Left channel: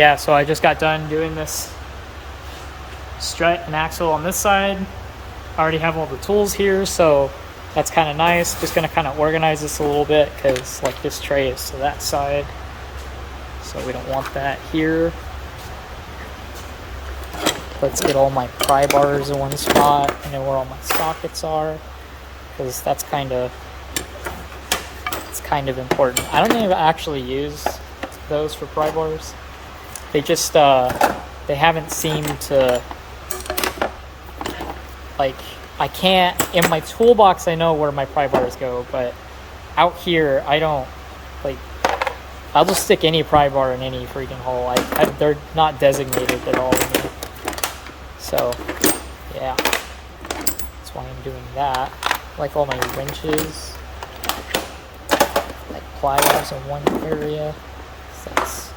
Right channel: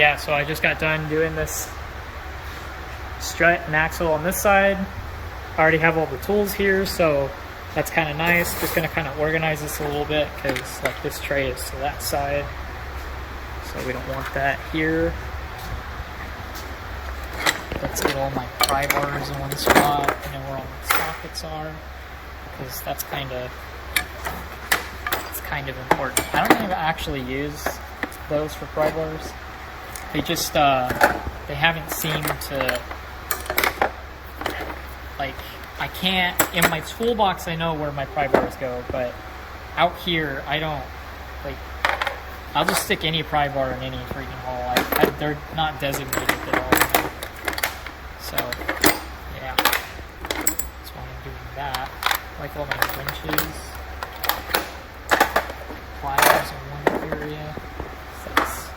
yeah, so I just got done doing this strut and axle on this side. I already have all the tools here, so that's kind of nice. Just gonna kind of organize this a little bit because like this tray is to that side, so we don't want that here. Let's get all my pry bars in one spot. I know where all my sockets are because that's kind of important. I don't even actually use those for pry bars. They just they haven't seemed to, like, I can't, in my toolbox I know where my pry bars go, but out here I don't, like, I'll just stick any pry bar in any freaking hole. They're not designated at all. So yeah, that's why I'm doing that. Like all my wrenches, like pliers in one area. So that's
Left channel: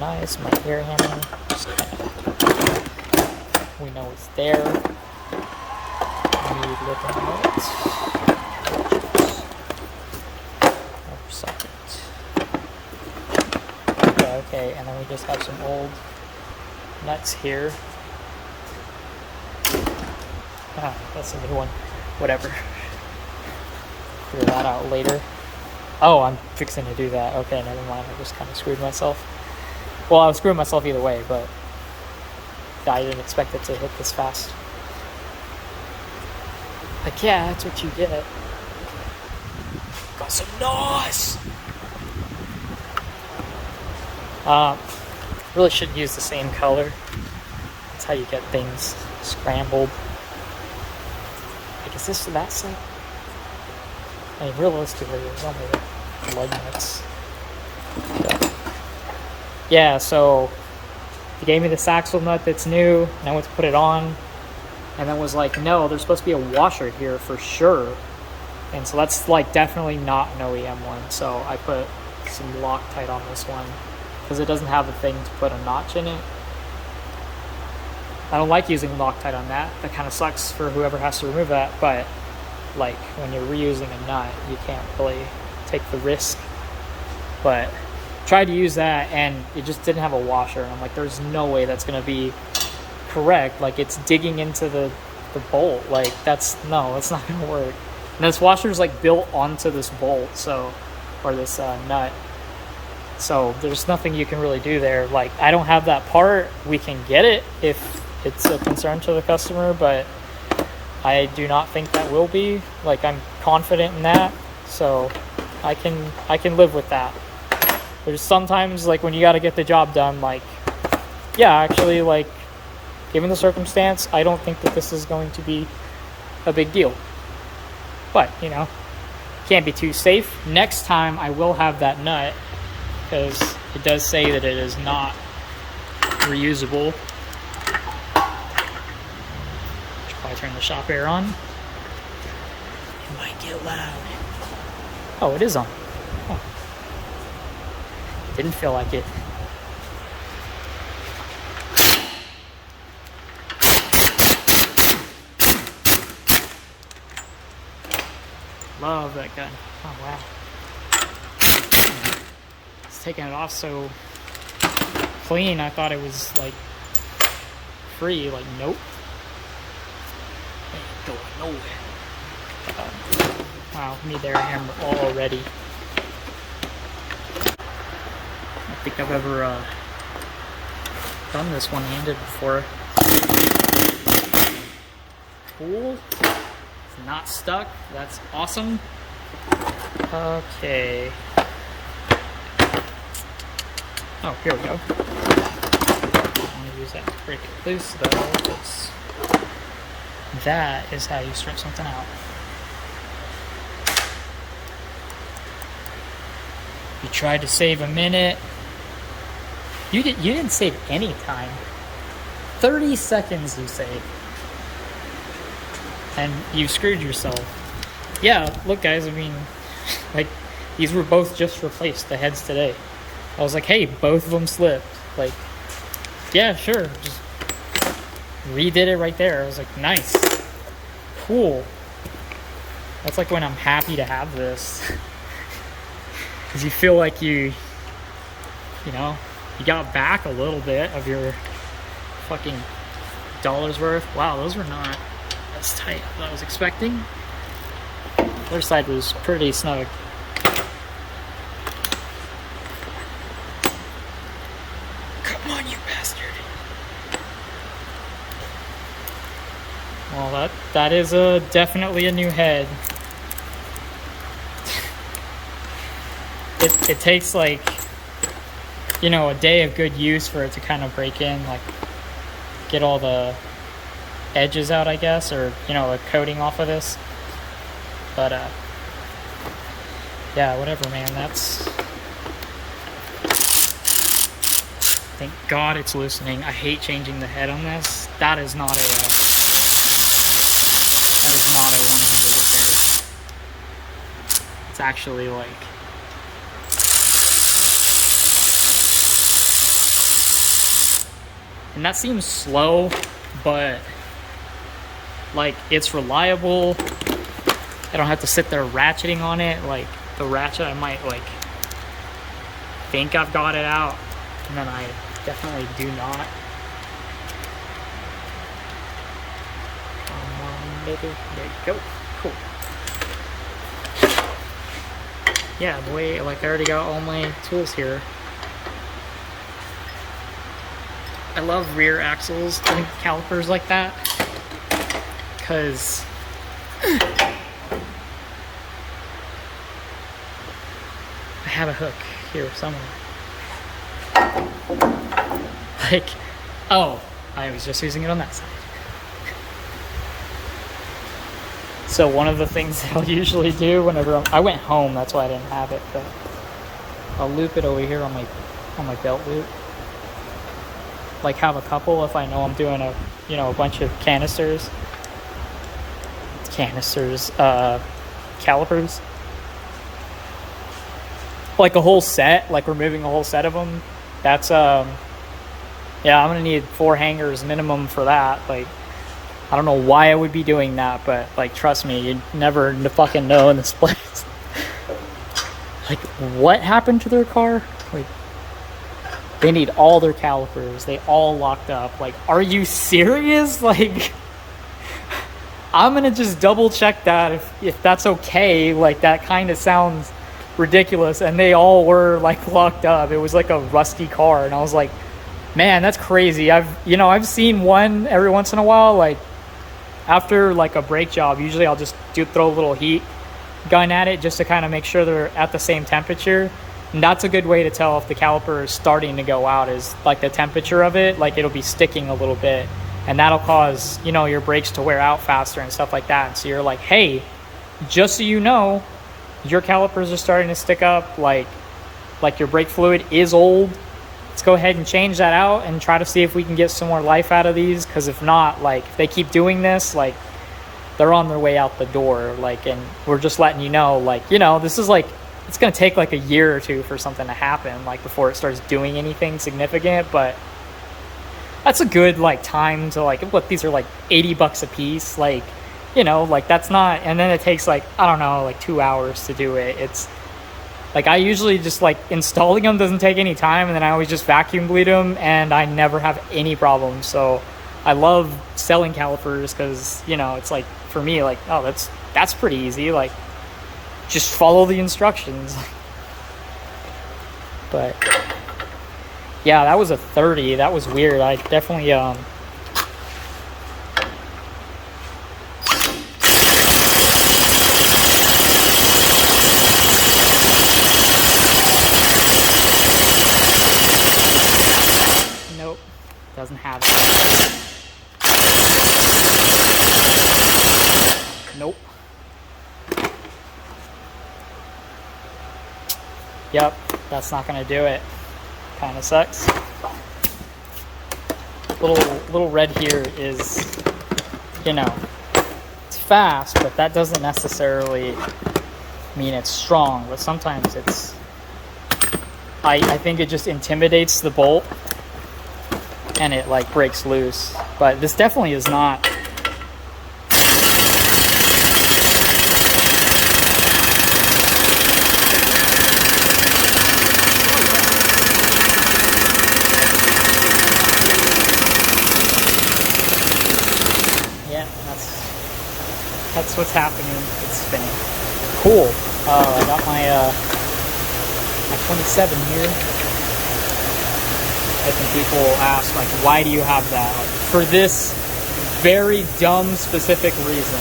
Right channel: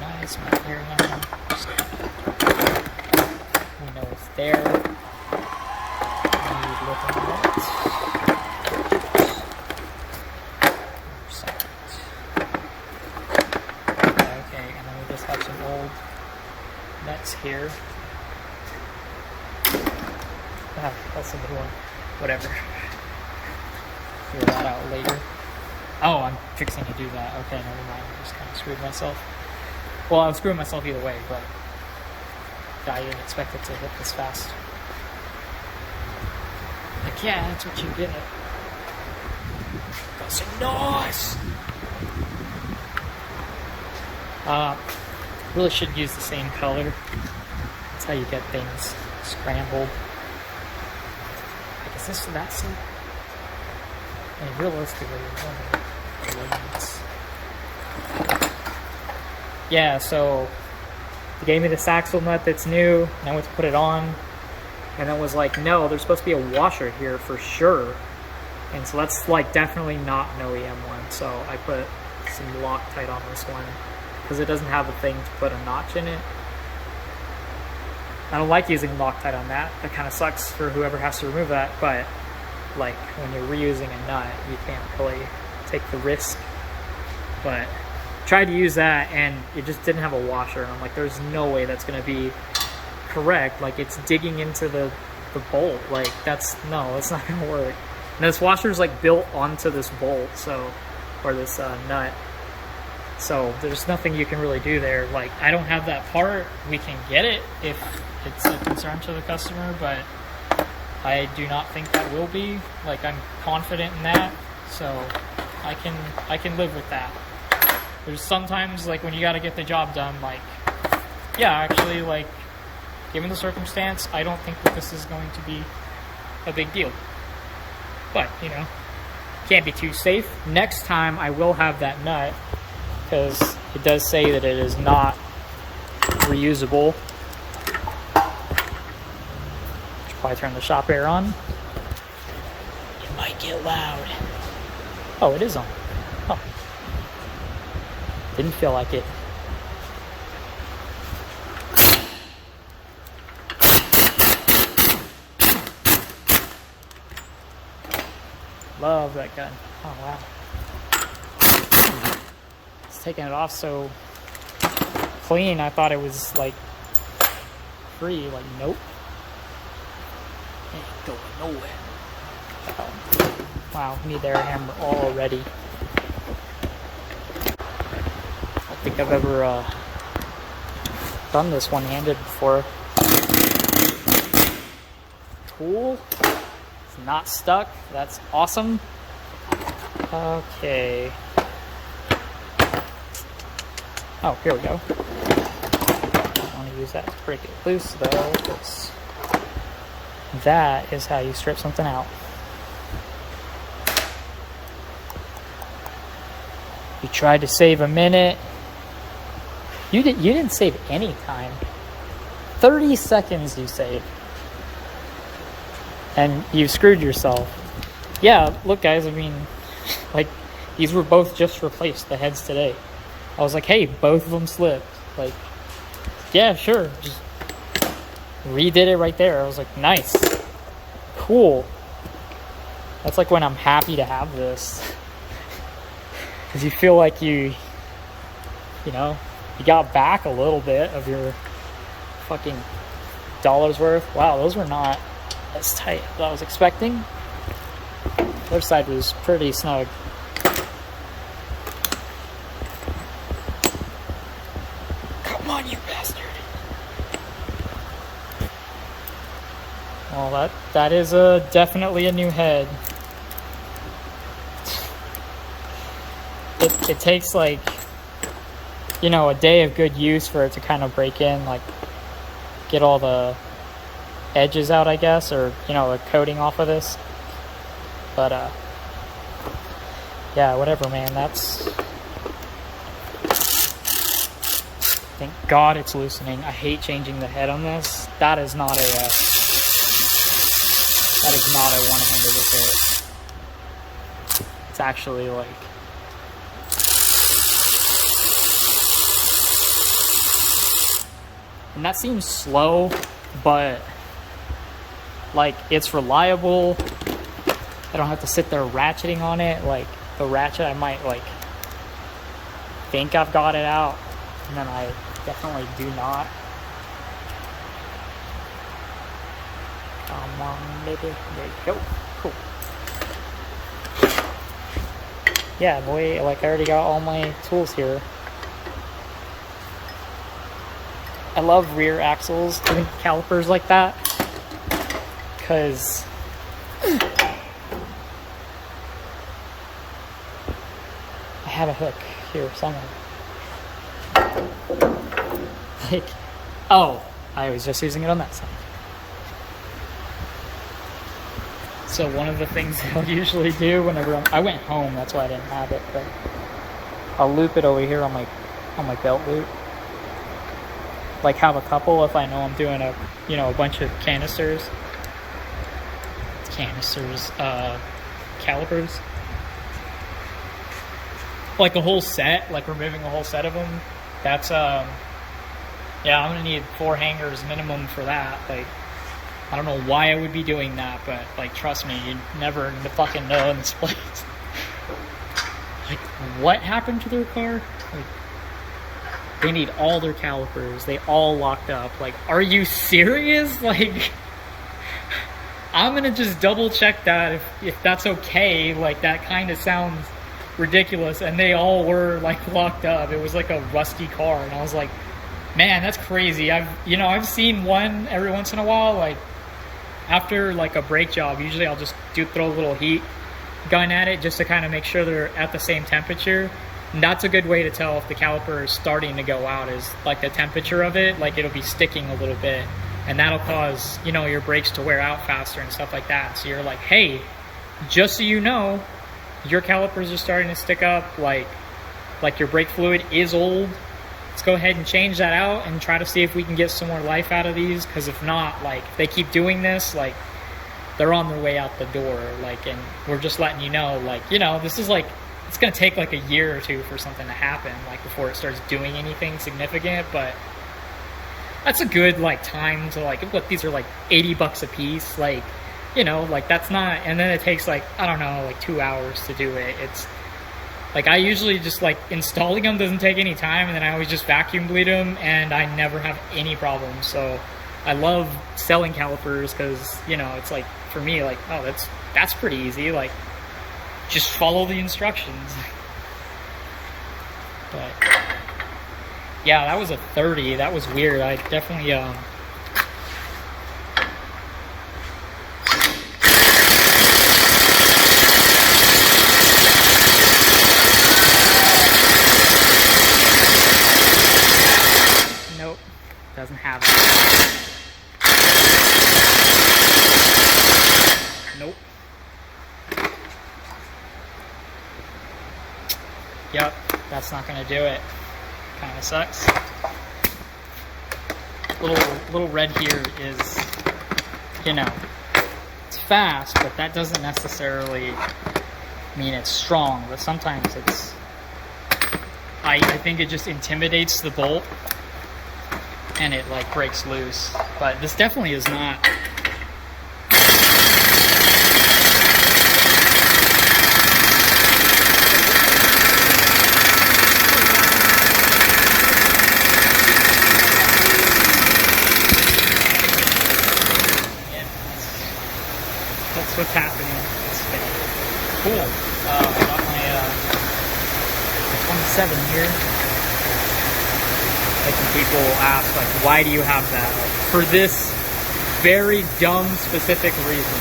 nice. My air hammer, we know it's there. Need little nuts. Okay, and then we just have some old nuts here. Ah, that's a new one. Whatever. Figure that out later. Oh, I'm fixing to do that. Okay, never mind. I just kind of screwed myself. Well, I was screwing myself either way, but I didn't expect it to hit this fast. Like, yeah, that's what you get. Got some NOS! Really should use the same color. That's how you get things scrambled. Like, is this that side? I mean, realistically, it's only the lug nuts. Yeah, so they gave me this axle nut that's new, and I went to put it on, and then was like, no, there's supposed to be a washer here for sure. And so that's like definitely not an OEM one. So I put some Loctite on this one because it doesn't have a thing to put a notch in it. I don't like using Loctite on that. That kind of sucks for whoever has to remove that, but like when you're reusing a nut, you can't really take the risk. But tried to use that and it just didn't have a washer, and I'm like, there's no way that's gonna be correct. Like, it's digging into the bolt. Like, that's not gonna work. And this washer is like built onto this bolt, so, or this nut, so there's nothing you can really do there. Like, I don't have that part. We can get it if it's a concern to the customer, but I do not think that will be. Like, I'm confident in that, so I can live with that. There's sometimes, like, when you got to get the job done, like, yeah, actually, like, given the circumstance, I don't think that this is going to be a big deal. But, you know, can't be too safe. Next time I will have that nut, because it does say that it is not reusable. Should probably turn the shop air on. It might get loud. Oh, it is on. Oh. Didn't feel like it. Love that gun. Oh, wow. It's taking it off so clean. I thought it was, like, free. Like, nope. Ain't going nowhere. Wow, need the air hammer already. I don't think I've ever done this one-handed before. Cool. It's not stuck. That's awesome. Okay. Oh, here we go. I don't want to use that to break it loose though, because that is how you strip something out. You tried to save a minute. You didn't save any time. 30 seconds you saved. And you screwed yourself. Yeah, look guys, I mean, like, these were both just replaced, the heads today. I was like, hey, both of them slipped. Like, yeah, sure, just redid it right there. I was like, nice. Cool. That's like when I'm happy to have this. Because you feel like you know, you got back a little bit of your fucking dollar's worth. Wow, those were not as tight as I was expecting. The other side was pretty snug. Come on, you bastard. Well, that is definitely a new head. It takes like, you know, a day of good use for it to kind of break in, like get all the edges out, I guess, or, you know, the coating off of this. But yeah, whatever, man. That's, thank God it's loosening. I hate changing the head on this. That is not a one-handed repair. It's actually like, and that seems slow, but like it's reliable. I don't have to sit there ratcheting on it. Like the ratchet, I might like think I've got it out, and then I definitely do not. Come on, baby. There you go. Cool. Yeah, boy, like I already got all my tools here. I love rear axles doing calipers like that, because I have a hook here somewhere. Like, oh, I was just using it on that side. So one of the things that I'll usually do whenever I went home, that's why I didn't have it, but I'll loop it over here on my belt loop. Like have a couple if I know I'm doing a bunch of calipers, like a whole set, like removing a whole set of them. That's yeah, I'm gonna need 4 hangers minimum for that. Like, I don't know why I would be doing that, but like, trust me, you never fucking know in this place. Like, what happened to their car? Like, they need all their calipers. They all locked up. Like, are you serious? Like, I'm gonna just double check that if that's okay. Like, that kind of sounds ridiculous. And they all were like locked up. It was like a rusty car, and I was like, man, that's crazy. I've seen one every once in a while. Like, after like a brake job, usually I'll just throw a little heat gun at it just to kind of make sure they're at the same temperature. And that's a good way to tell if the caliper is starting to go out, is like the temperature of it. Like, it'll be sticking a little bit, and that'll cause, you know, your brakes to wear out faster and stuff like that. And so you're like, hey, just so you know, your calipers are starting to stick up, like your brake fluid is old. Let's go ahead and change that out and try to see if we can get some more life out of these, because if not, like, if they keep doing this, like, they're on their way out the door. Like, and we're just letting you know, like, you know, this is like, it's going to take like a year or two for something to happen, like, before it starts doing anything significant. But that's a good like time to, like, what, these are like $80 a piece, like, you know, like, that's not, and then it takes like, I don't know, like 2 hours to do it. It's like, I usually just like, installing them doesn't take any time, and then I always just vacuum bleed them, and I never have any problems. So I love selling calipers, because, you know, it's like, for me, like, oh, that's pretty easy. Like, just follow the instructions. But yeah, that was a 30. That was weird. I definitely nope, doesn't have it. Nope. Yep, that's not gonna do it. Kind of sucks. Little red here is, you know, it's fast, but that doesn't necessarily mean it's strong. But sometimes it's, I think it just intimidates the bolt, and it like breaks loose. But this definitely is not. that's what's happening. It's spinning. Cool. I got my 27 here. Like when people ask, like, why do you have that? Like, for this very dumb specific reason.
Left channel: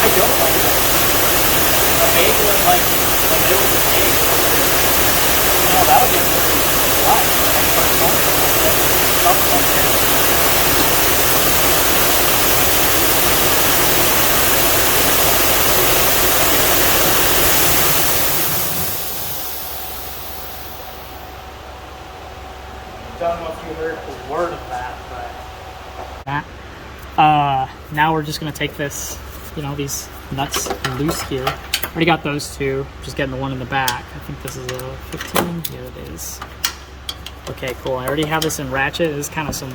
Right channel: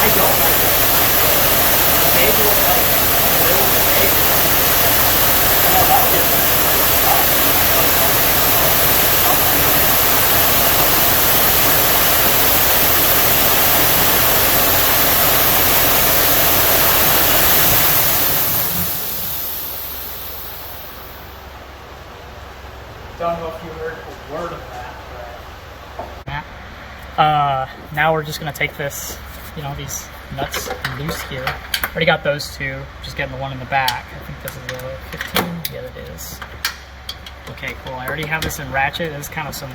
I don't like it. A bagel is like the middle of the bagel. Yeah, that'll be good. Don't know if you heard a word of that, but now we're just gonna take this, you know, these nuts loose here. Already got those two, just getting the one in the back. I think this is a 15. Yeah, it is. Okay, cool. I already have this in ratchet. This is kind of some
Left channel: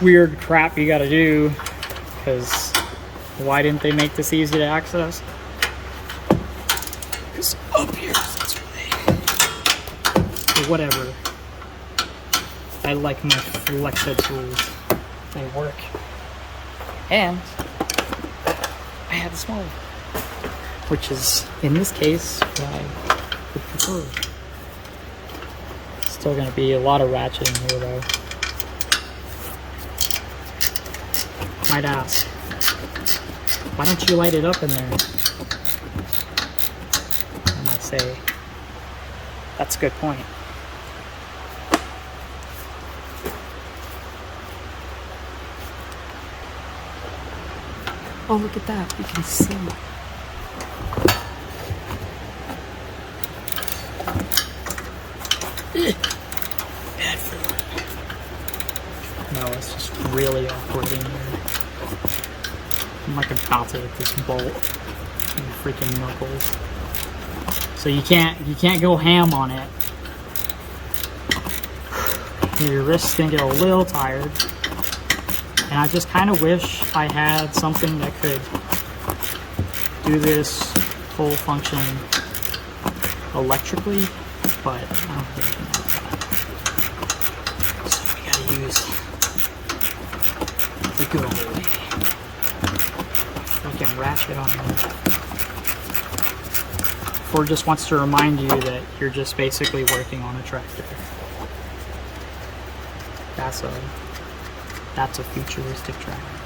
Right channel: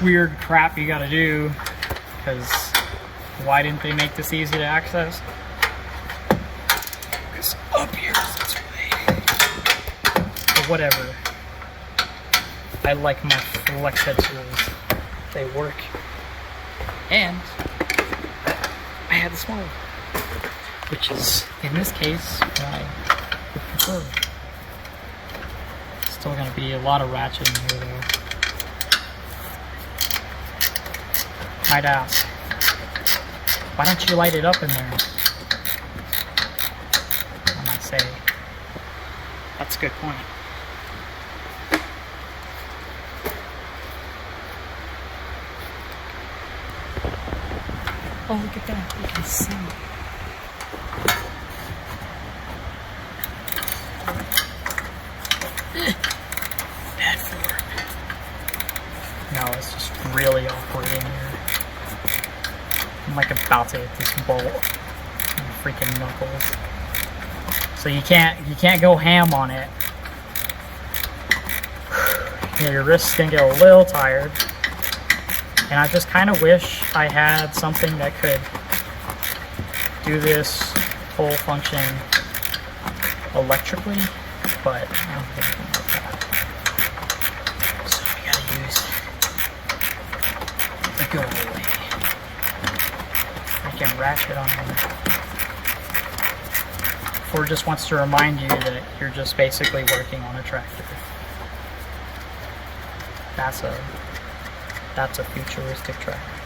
weird crap you gotta do, because why didn't they make this easy to access? Because up here is this way. But whatever. I like my flex head tools. They work. And I have the small one, which is, in this case, what I would prefer. Still gonna be a lot of ratchet in here though. Might ask, why don't you light it up in there? I might say, that's a good point. Oh, look at that, you can see. Bad form. No, it's just really awkward in here. I'm like about to hit this bolt. My freaking knuckles. So you can't go ham on it. Your wrist's gonna get a little tired. And I just kind of wish I had something that could do this whole function electrically, but I don't think anything like that. So we gotta use the good old way. Freaking ratchet on him. Ford just wants to remind you that you're just basically working on a tractor. That's a futuristic tractor.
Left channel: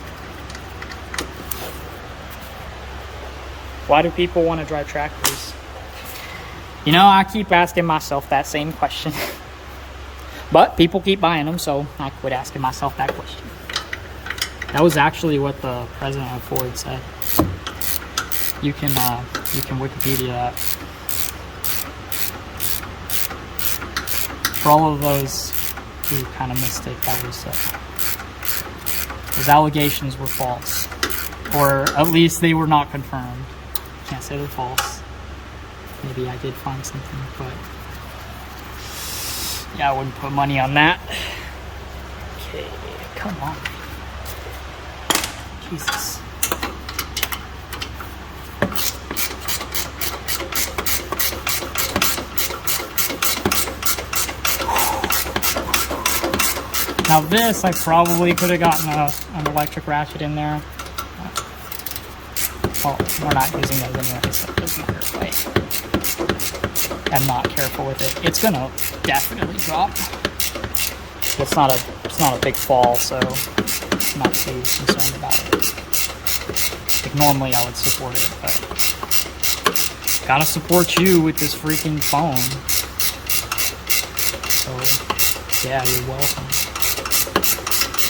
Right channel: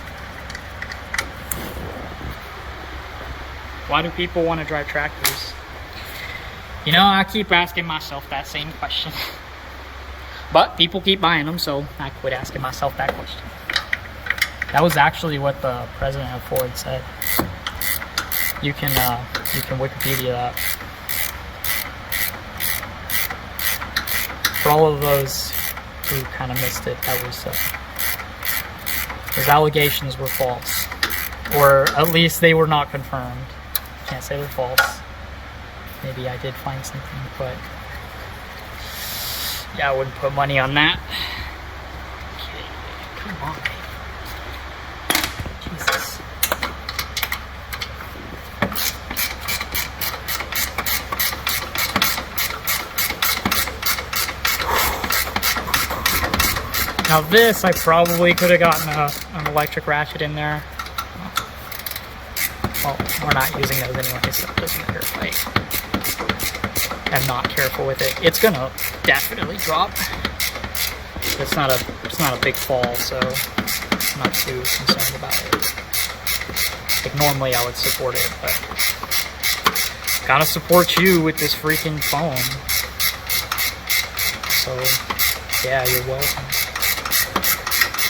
Why do people want to drive tractors? You know, I keep asking myself that same question. But people keep buying them, so I quit asking myself that question. That was actually what the president of Ford said. You can Wikipedia that. For all of those who kind of missed it, that was those allegations were false, or at least they were not confirmed. Can't say they're false. Maybe I did find something, but yeah, I wouldn't put money on that. Okay, come on, baby. Jesus. Now this, I probably could have gotten an electric ratchet in there. Well, we're not using those anyway, so it doesn't matter if I am not careful with it. It's gonna definitely drop. It's not a big fall, so I'm not too concerned about it. Like normally I would support it, but gotta support you with this freaking phone. So yeah, you're welcome.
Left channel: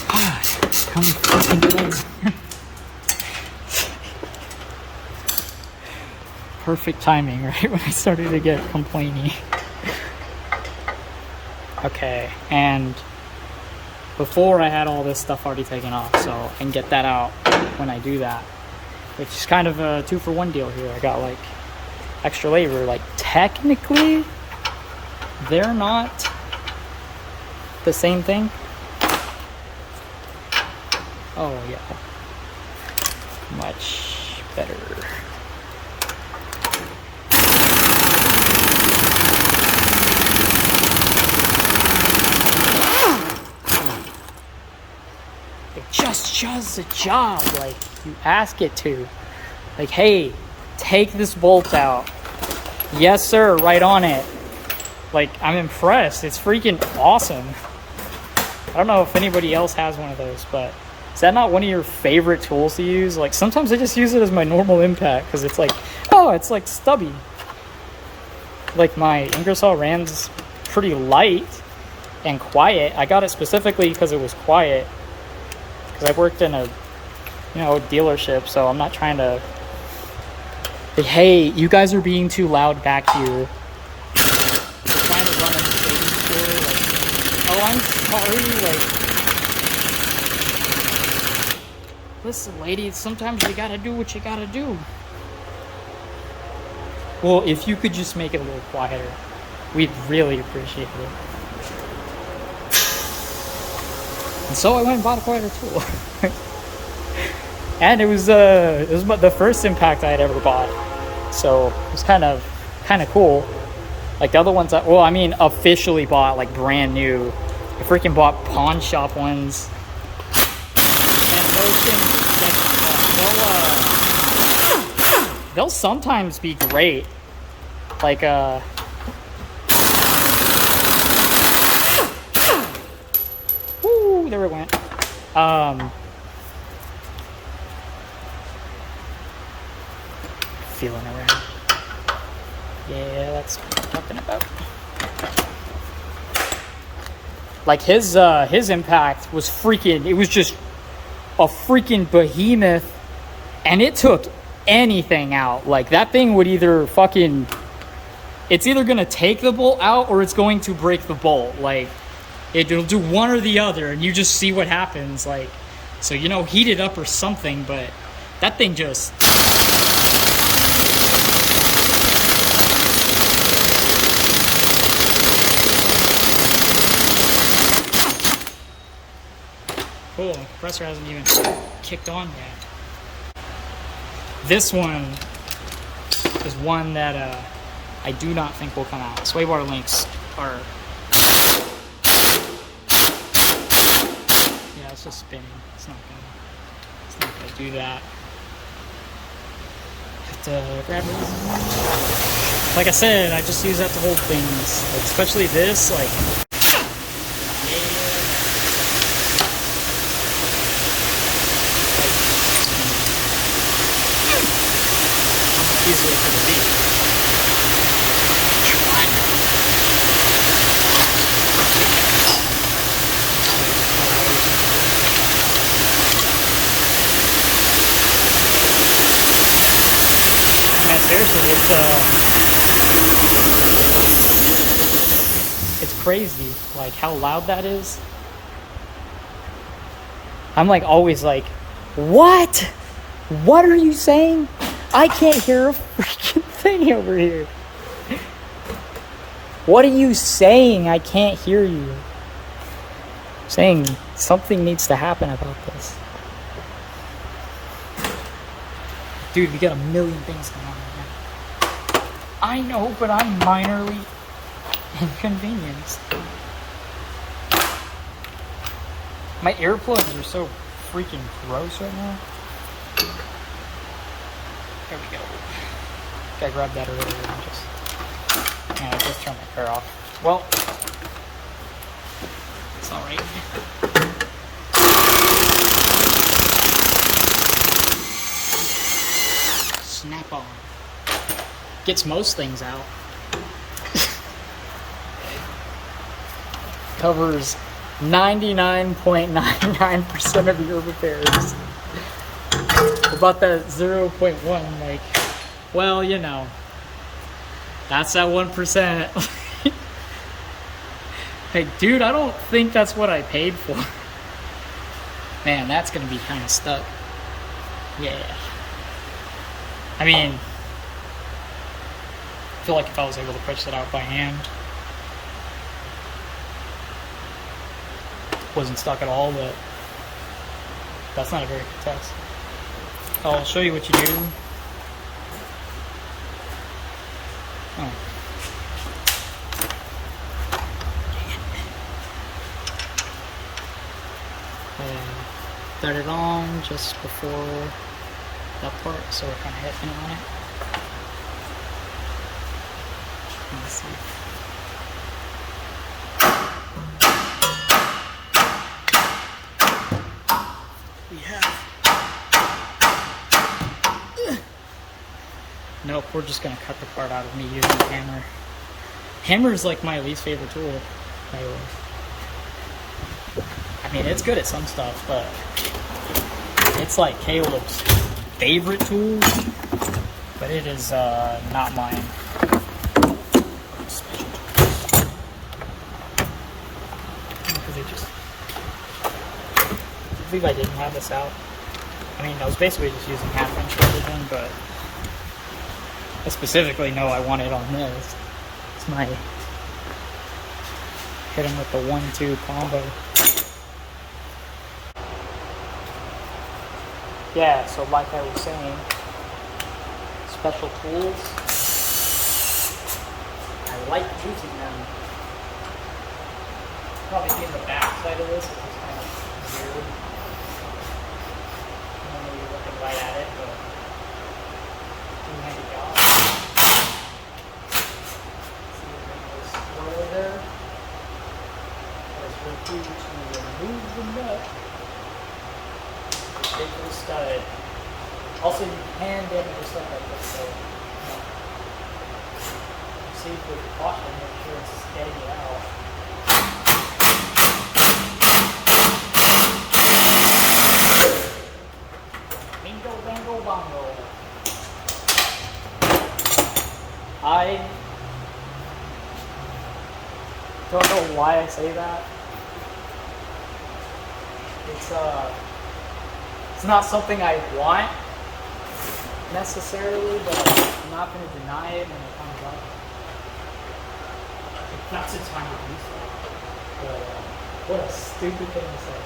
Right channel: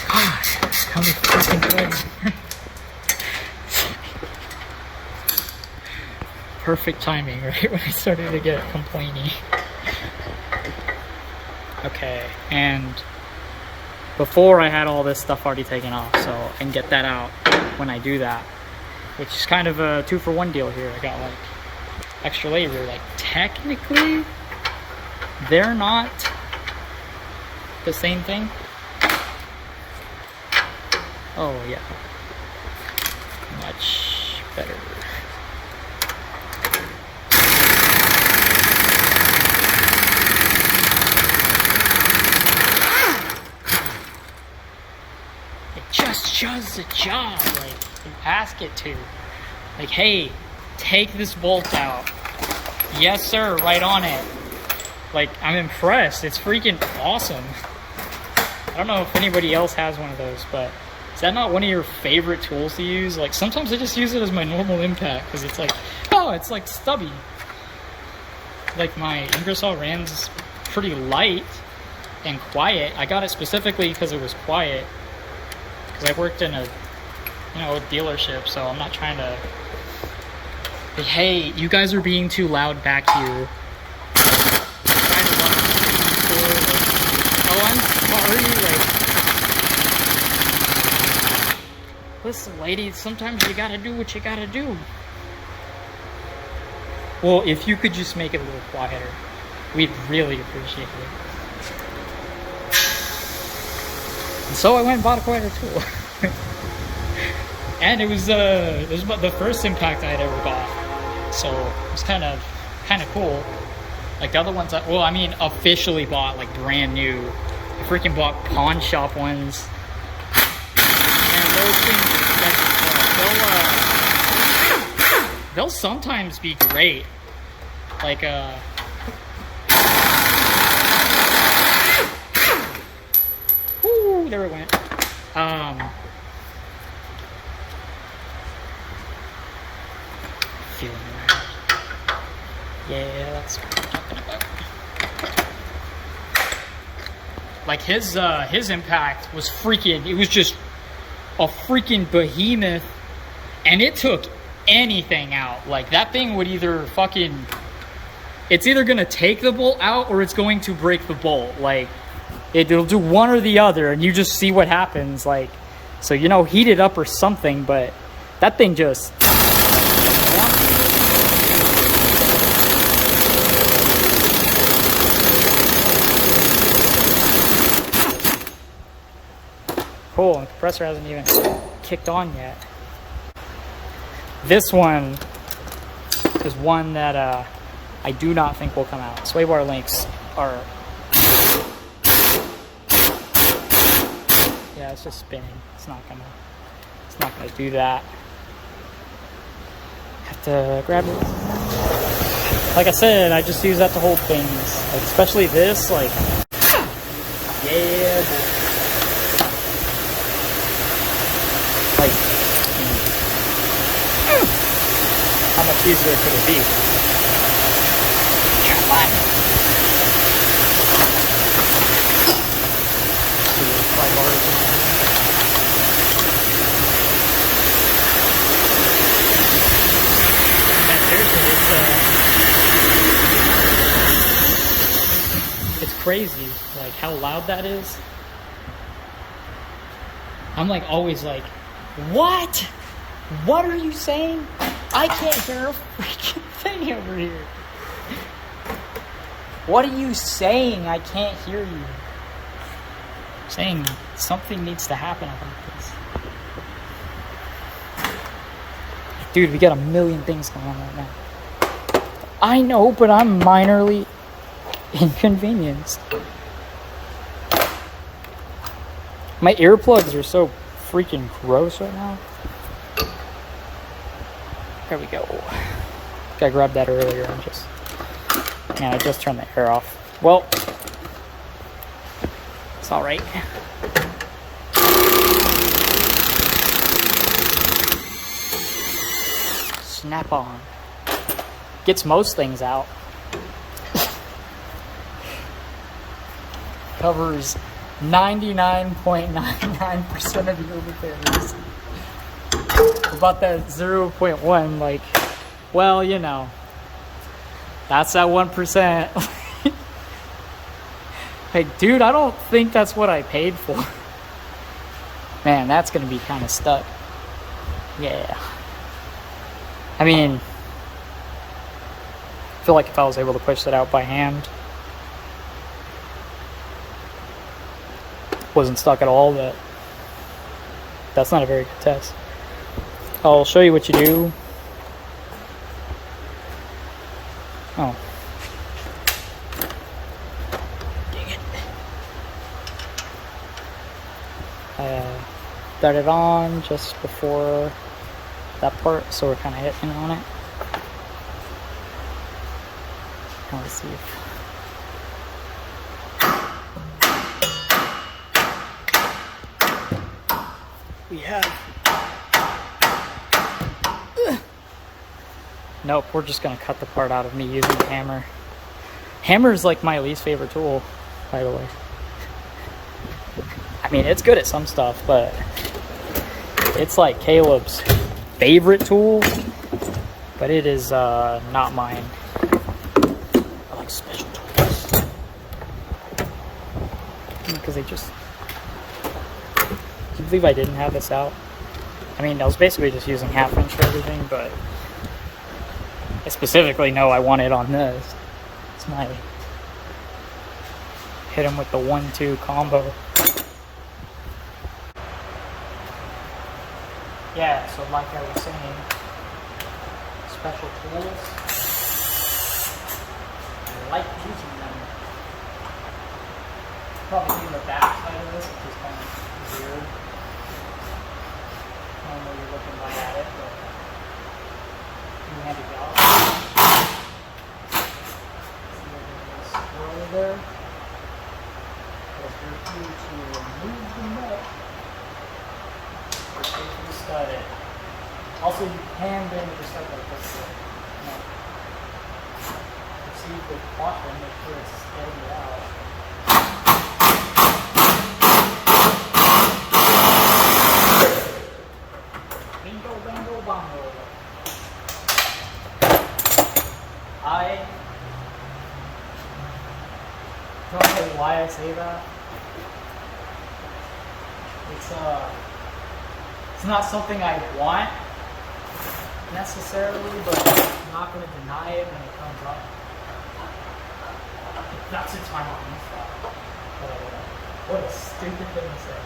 God, how many freaking things? perfect timing, right when I started to get complaining. Okay, and before I had all this stuff already taken off, so I can get that out when I do that, which is kind of a 2-for-1 deal here. I got like extra labor. Like technically they're not the same thing. Oh yeah, much better. It just does the job like you ask it to. Like, hey, take this bolt out. Yes sir, right on it. Like, I'm impressed. It's freaking awesome. I don't know if anybody else has one of those, but is that not one of your favorite tools to use? Like, sometimes I just use it as my normal impact because it's like, oh, it's like stubby. Like, my Ingersoll Rand's pretty light and quiet. I got it specifically because it was quiet. Because I worked in a, you know, a dealership, so I'm not trying to. But hey, you guys are being too loud back here. We're trying to run a trading store. Like, oh, I'm sorry. Like, listen, ladies, sometimes you gotta do what you gotta do. Well, if you could just make it a little quieter, we'd really appreciate it. And so I went and bought a quieter tool. And it was the first impact I had ever bought. So it was kind of cool. Like the other ones, officially bought, like brand new. I freaking bought pawn shop ones. And those things are sketchy fun. They'll sometimes be great. Like, woo, there it went. Feeling around. Yeah, that's what I'm talking about. Like his impact was freaking, it was just a freaking behemoth, and it took anything out. Like that thing would either fucking, it's either gonna take the bolt out or it's going to break the bolt. Like it'll do one or the other, and you just see what happens. Like, so, you know, heat it up or something, but that thing just. Cool, and the compressor hasn't even kicked on yet. This one is one that I do not think will come out. Sway bar links are. Yeah, it's just spinning. It's not gonna do that. Have to grab it. Like I said, I just use that to hold things. Like especially this, like. Yeah. Like, how much easier could it be? Come on. Man, seriously, it's crazy, like how loud that is. I'm like always like, what? What are you saying? I can't hear a freaking thing over here. What are you saying? I can't hear you. Saying something needs to happen about this. Dude, we got a million things going on right now. I know, but I'm minorly inconvenienced. My earplugs are so freaking gross right now. There we go. I grabbed that earlier. I just turned the air off. Well, it's all right. Snap on. Gets most things out. Covers 99.99% of your repairs. About that 0.1, like, Well, you know, that's that 1%. Like, dude, I don't think that's what I paid for. Man, that's gonna be kind of stuck. Yeah. I mean, I feel like if I was able to push that out by hand, wasn't stuck at all, but that's not a very good test. I'll show you what you do. Oh. Started on just before that part, so we're kind of hitting on it. Let's see if we have. Nope, we're just gonna cut the part out of me using the hammer. Hammer is like my least favorite tool, by the way. I mean, it's good at some stuff, but it's like Caleb's favorite tool, but it is not mine. I like special tools because they just. Do you believe I didn't have this out? I mean, I was basically just using half inch for everything, but I specifically know I want it on this. It's my hit him with the 1-2 combo. Yeah, so like I was saying, special tools, I like using them. Probably in the back side of this, which is kind of weird. Normally you're looking right at it, but two-handed out. See a little swirl there. There's your key to remove the nut. Safely studded. Also, you can damage your stuff like this, so you know, proceed with caution. Make sure it's getting it out. Bingo, bango, bongo. I don't know why I say that. It's not something I want necessarily, but I'm not going to deny it when it comes up. That's a time of use. But what a stupid thing to say.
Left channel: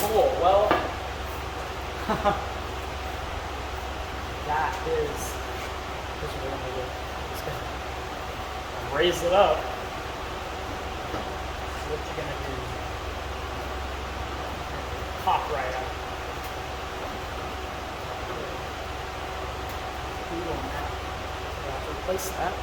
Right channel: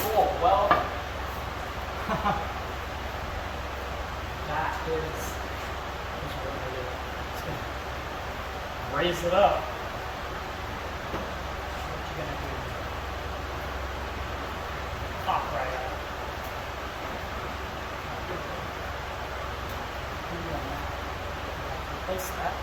Cool, well. That is what you want to do. Just gonna raise it up. See what you're gonna do. Pop right out. Replace that.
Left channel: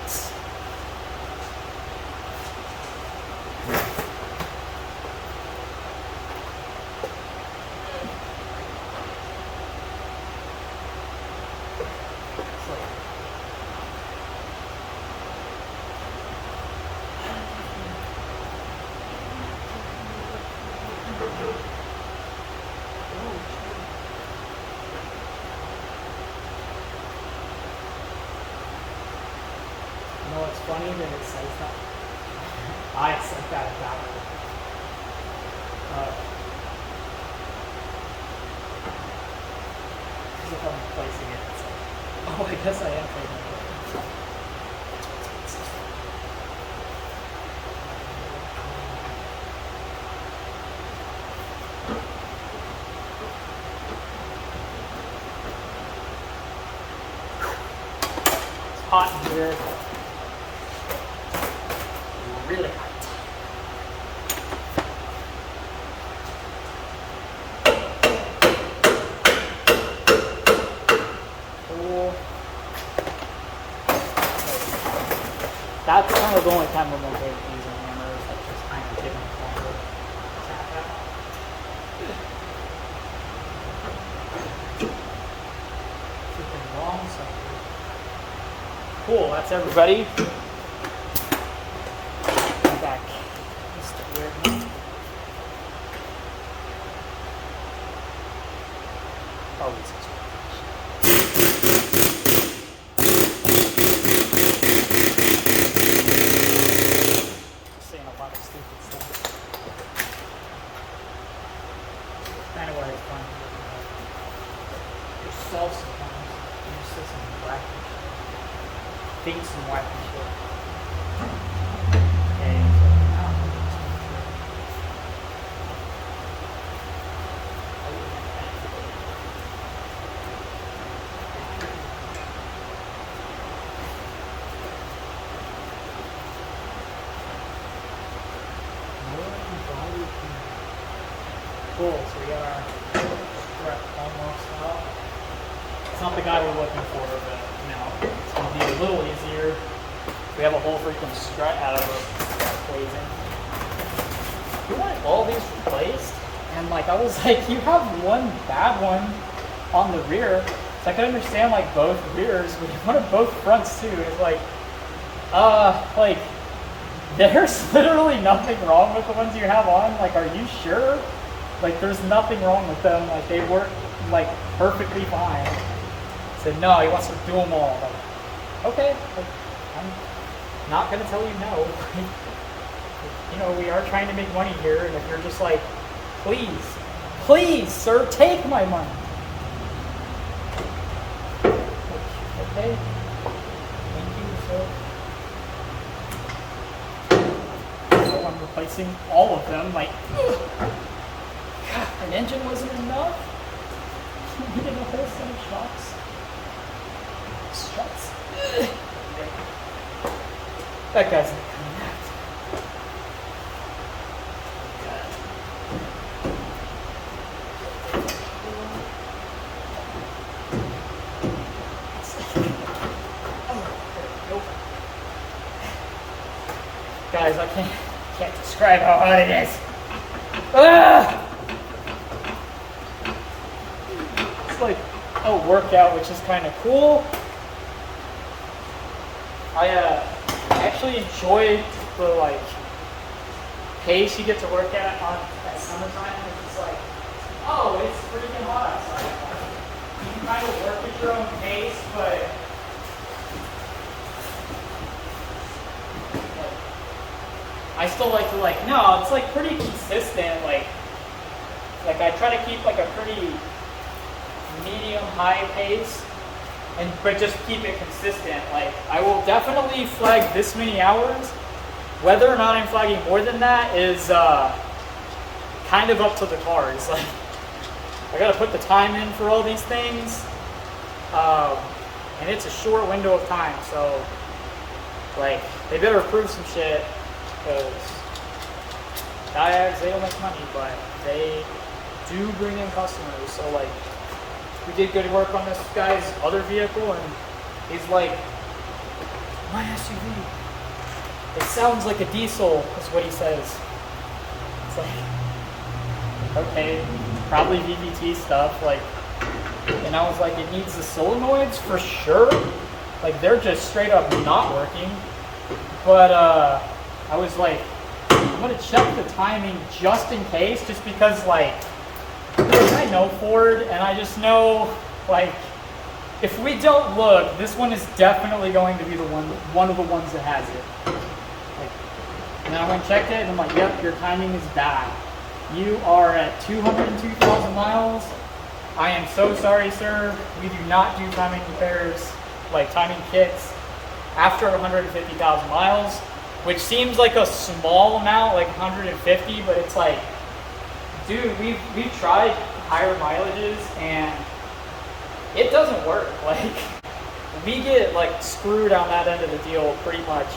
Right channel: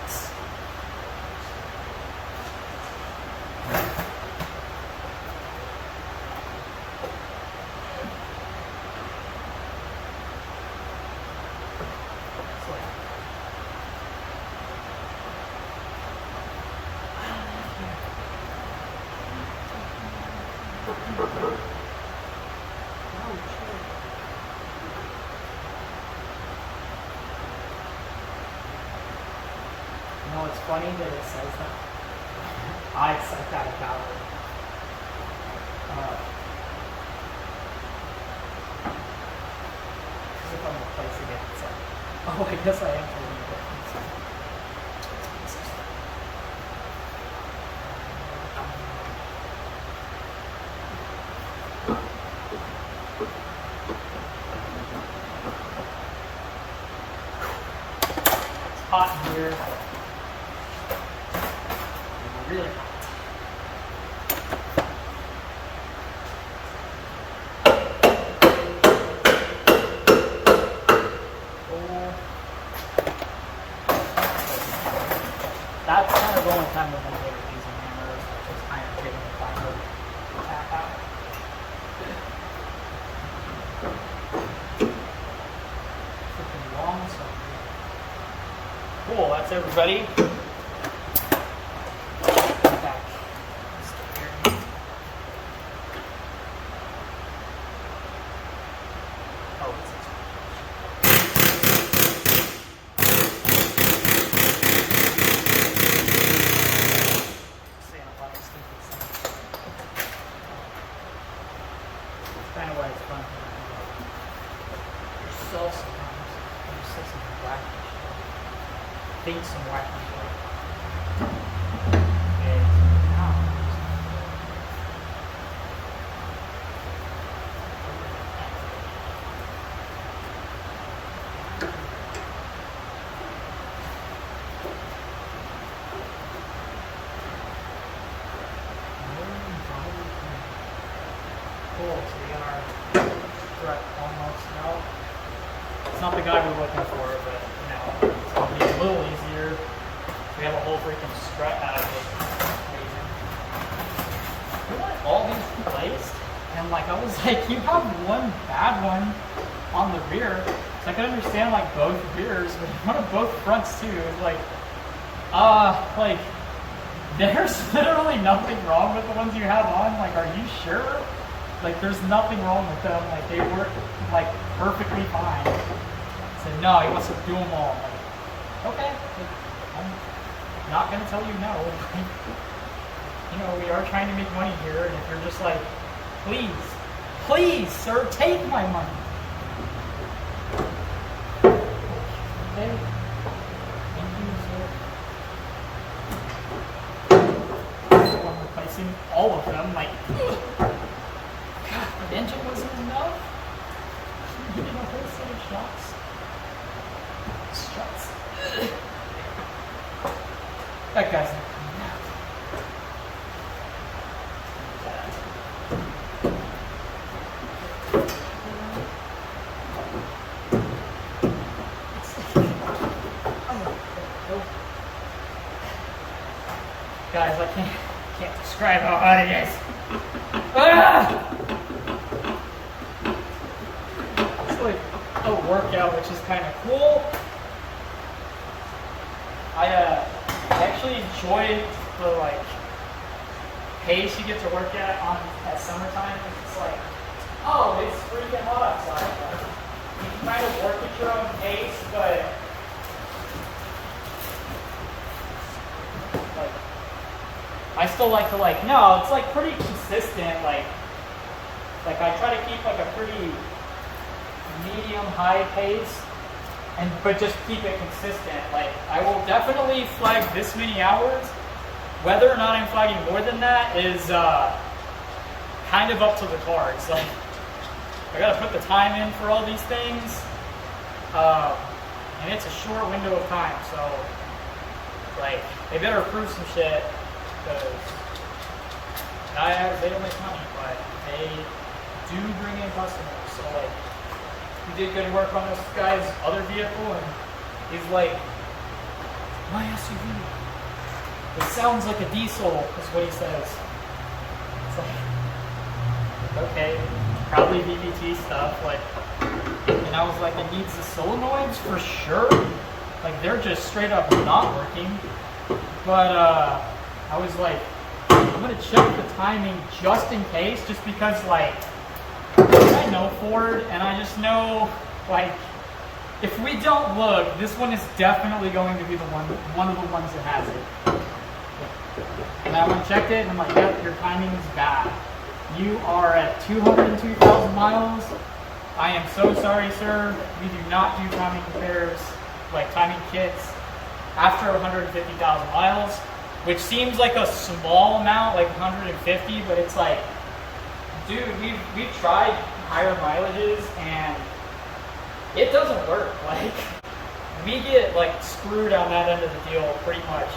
You know, it's funny that it says that. I said that about it. As if I'm replacing it. It's like, oh, I guess I am taking it. It's hot in here. Really hot. Cool. That's kind of the only time I'm going to be using hammers, like just kind of getting the final tap out. Freaking long, so Congrats, everybody. Back. Oh, saying a lot of stupid stuff. It's kind of why it's fun. Yourself sometimes. You just say some wacky shit. Think some wacky shit. Okay, so now. Cool, so we got our strut almost out. It's not the guy we're looking for, but you know, it's going to be a little easier. We have a whole freaking strut out of it. We want all these replaced, and like I was like, you have one bad one on the rear, so I can understand like both rears, but you want both fronts too. It's like there's literally nothing wrong with the ones you have on. Like, are you sure? Like, there's nothing wrong with them. Like, they work like perfectly fine. Said no, he wants to do them all. Like, okay, like, I'm not gonna tell you no. You know, we are trying to make money here, and if you're just like, please, sir, take my money. Like, okay, thank you, sir. So I'm replacing all of them. Like, God, an engine wasn't enough. You needed a whole set of shocks. Struts. That guy's not coming out. Guys, I can't describe how hot it is. It's like a workout, which is kind of cool. I actually enjoy the like pace you get to work at summertime. It's just like, oh, it's freaking hot outside. Like, you can kind of work at your own pace, but I still like to no, it's like pretty consistent. Like I try to keep like a pretty medium high pace, but just keep it consistent. Like, I will definitely flag this many hours. Whether or not I'm flagging more than that is kind of up to the car. It's like, I gotta put the time in for all these things, and it's a short window of time, so like, they better prove some shit, because they don't make money, but they do bring in customers. So like, we did good work on this guy's other vehicle, and he's like, my SUV, it sounds like a diesel, is what he says. It's like, okay, probably VVT stuff, like, and I was like, it needs the solenoids for sure. Like, they're just straight up not working. But I was like, I'm gonna check the timing just in case, just because like, I know Ford, and I just know, like, if we don't look, this one is definitely going to be the one of the ones that has it. And I went and checked it, and I'm like, yep, your timing is bad. You are at 202,000 miles. I am so sorry, sir. We do not do timing repairs, like timing kits, after 150,000 miles, which seems like a small amount, like 150, but it's like, dude, we've tried higher mileages, and it doesn't work. Like, we get like screwed on that end of the deal pretty much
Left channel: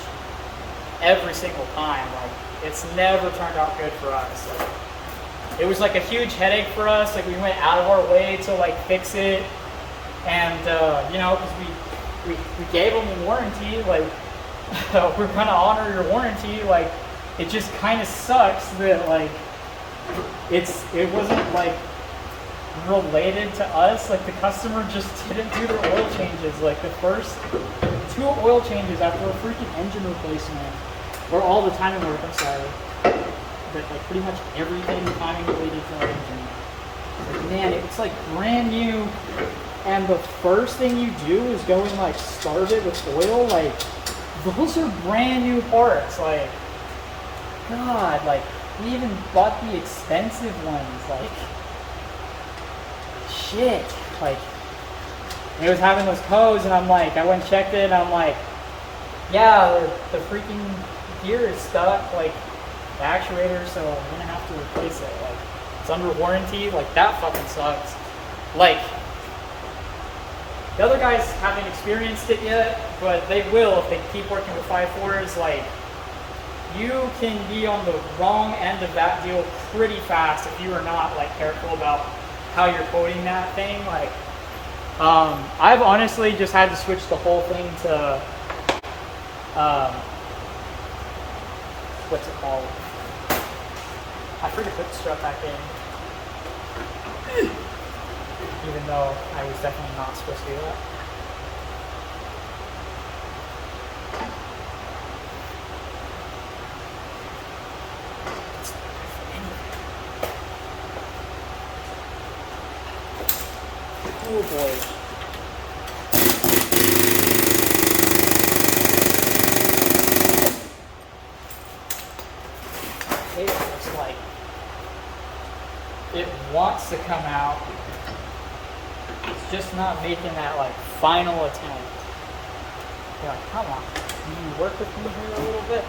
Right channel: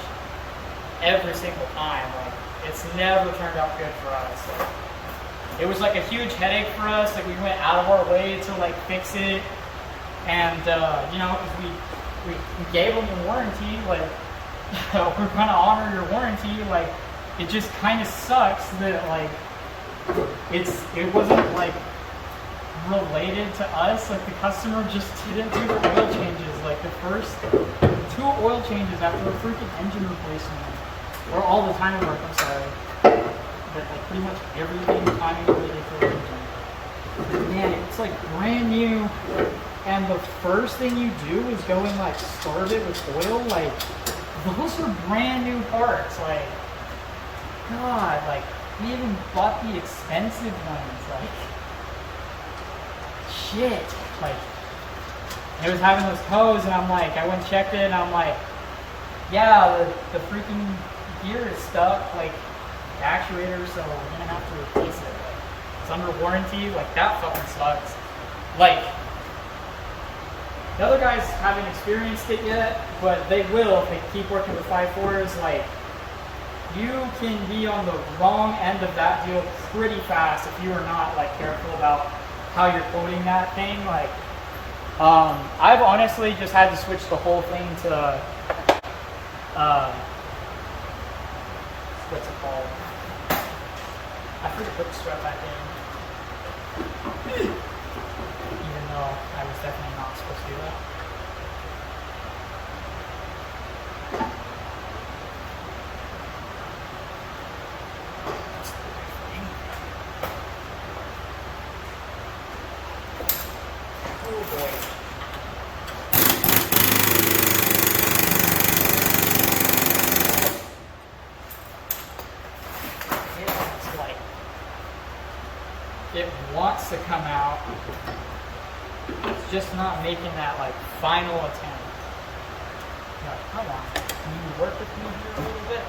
every single time. Like, it's never turned out good for us. Like, it was like a huge headache for us. Like, we went out of our way to like fix it, and you know, because we gave them warranty. Like, we're gonna honor your warranty. Like, it just kind of sucks that like it wasn't like related to us. Like, the customer just didn't do the oil changes. Like, the first 2 oil changes after a freaking engine replacement, or all the timing work, I'm sorry. But like pretty much everything timing related to our engine. Like, man, it's like brand new, and the first thing you do is go and like starve it with oil. Like, those are brand new parts. Like, God, like we even bought the expensive ones. Like, shit. Like, it was having those codes, and I'm like, I went and checked it, and I'm like, yeah, the freaking gear is stuck, like the actuator, so we're gonna have to replace it. Like, it's under warranty. Like, that fucking sucks. Like, the other guys haven't experienced it yet, but they will if they keep working with 5.4s. Like, you can be on the wrong end of that deal pretty fast if you are not like careful about how you're coding that thing. Like, I've honestly just had to switch the whole thing to what's it called? I forget to put the strut back in. Even though I was definitely not supposed to do that. Oh boy. It's like it wants to come out. It's just not making that like final attempt. You're like, come on, can you work with me here a little bit?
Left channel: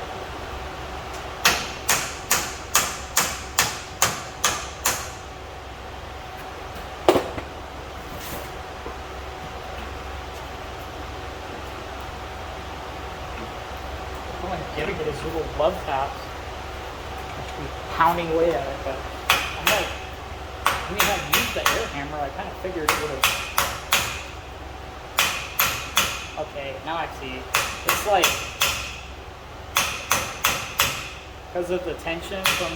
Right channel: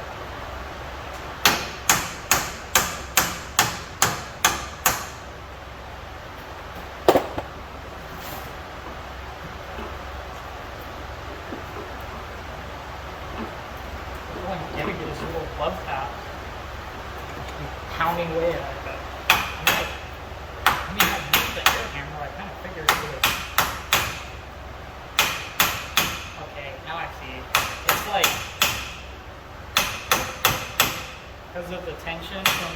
Giving it his little love taps, pounding away at it. But I'm like, I mean, I used the air hammer. I kind of figured it would have. Okay, now I see. It's like because of the tension from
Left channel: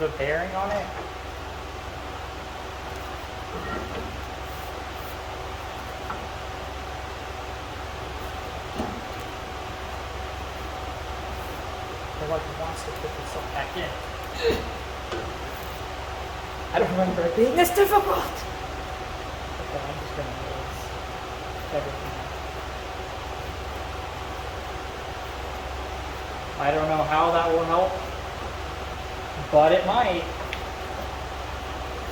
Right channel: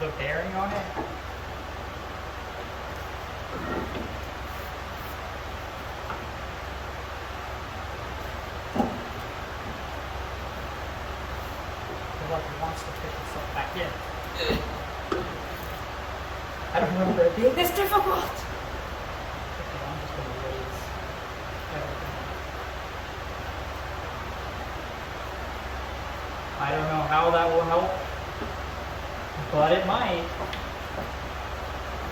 the bearing on it. Like it wants to pick itself back in. I don't remember it being this difficult. Okay, I'm just going to raise everything up. I don't know how that will help, but it might.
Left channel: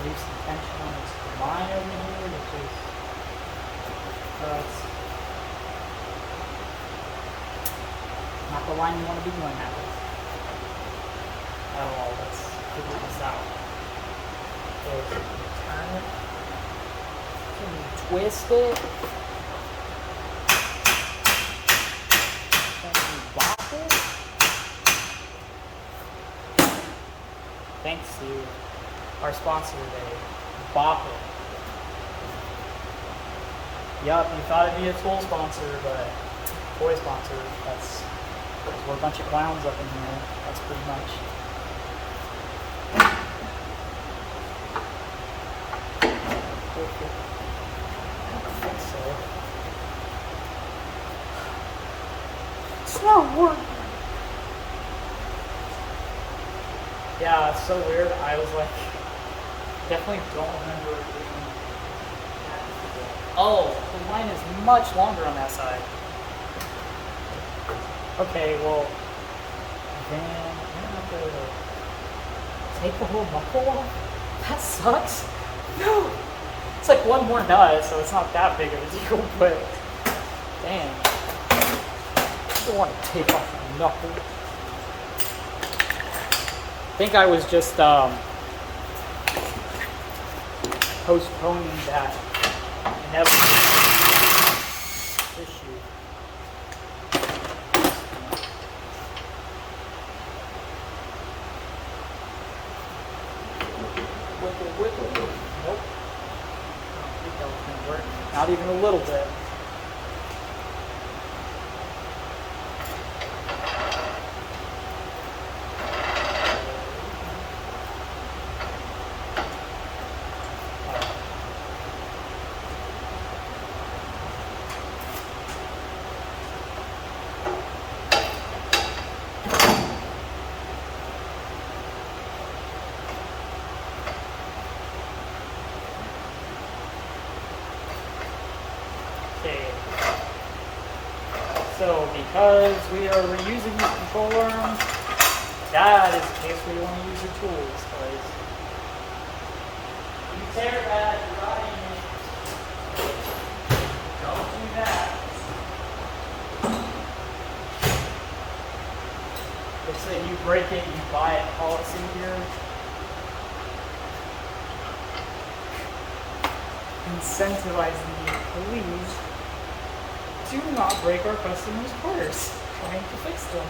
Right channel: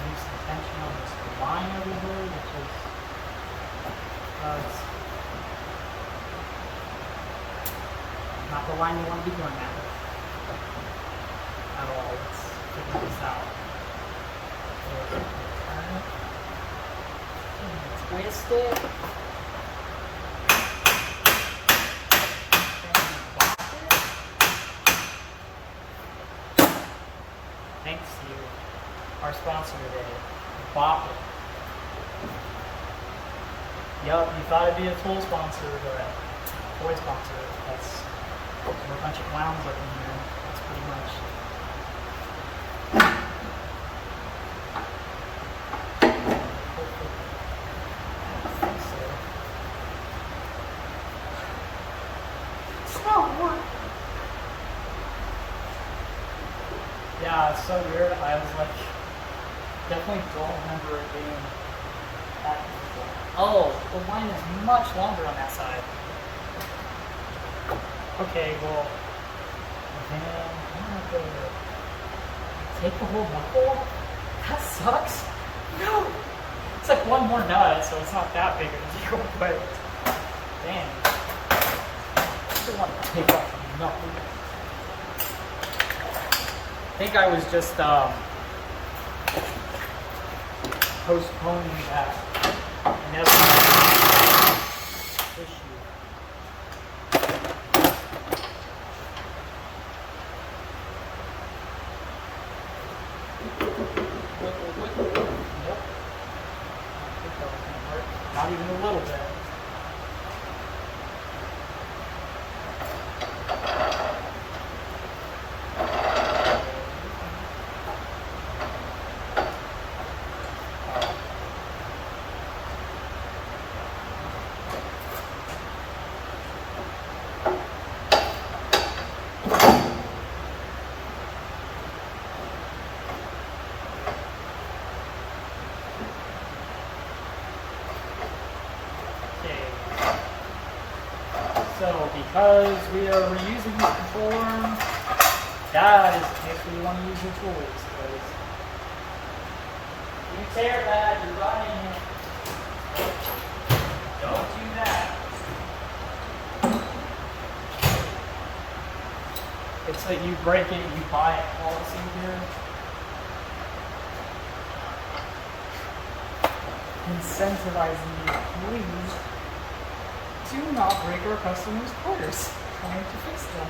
Leave some tension on this line over here, which is it's not the line you want to be doing that with. Oh, let's figure this out. Turn it. Twist it. And bop it. Thanks to our sponsor today, Bop It. Yup, you thought it'd be a tool sponsor, but toy sponsor. We're a bunch of clowns up in here. That's pretty much. I think so. It's not working. Yeah, it's so weird. I was like, definitely don't remember it being that difficult. Oh, the line is much longer on that side. Okay, well, then I'm gonna have to take the whole knuckle off? That sucks. No! It's like one more nut, so it's not that big of a deal, but dang. I don't want to take off my knuckle. I think I was just postponing that inevitable issue. Nope. I think that was going to work. Not even a little bit. because we are reusing the control arm, that is the case where you want to use your tools, because you tear that, you're dying. Don't do that. It's that you break it, you buy it policy here. Incentivizing you, please do not break our customers' cars trying to fix them.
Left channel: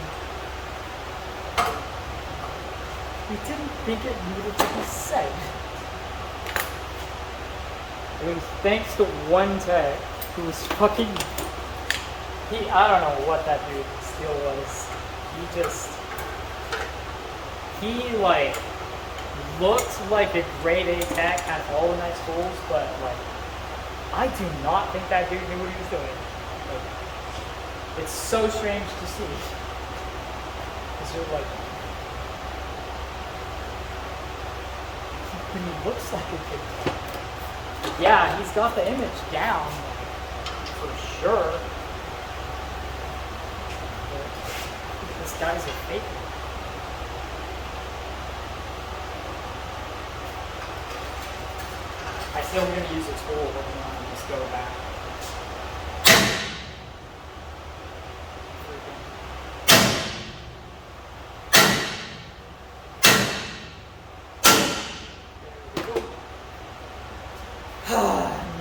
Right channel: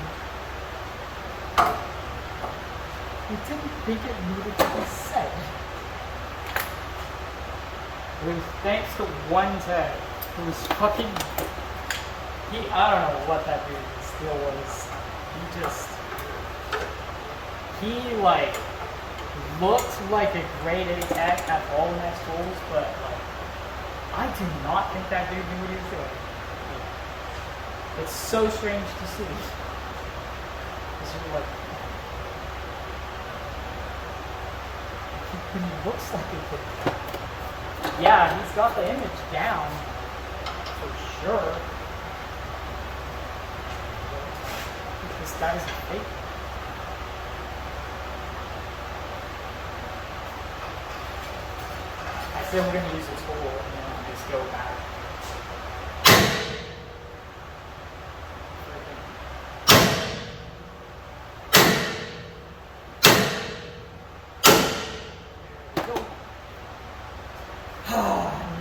We didn't think it needed to be said. It was thanks to one tech who was fucking, I don't know what that dude still was. He like looked like a grade A tech, had all the nice tools, but like, I do not think that dude knew what he was doing. Like, it's so strange to see. Because you're like, he looks like a good tech. Yeah, he's got the image down, like, for sure. But I think this guy's a faker. I said we're going to use a tool and then I'll just go back. There we go.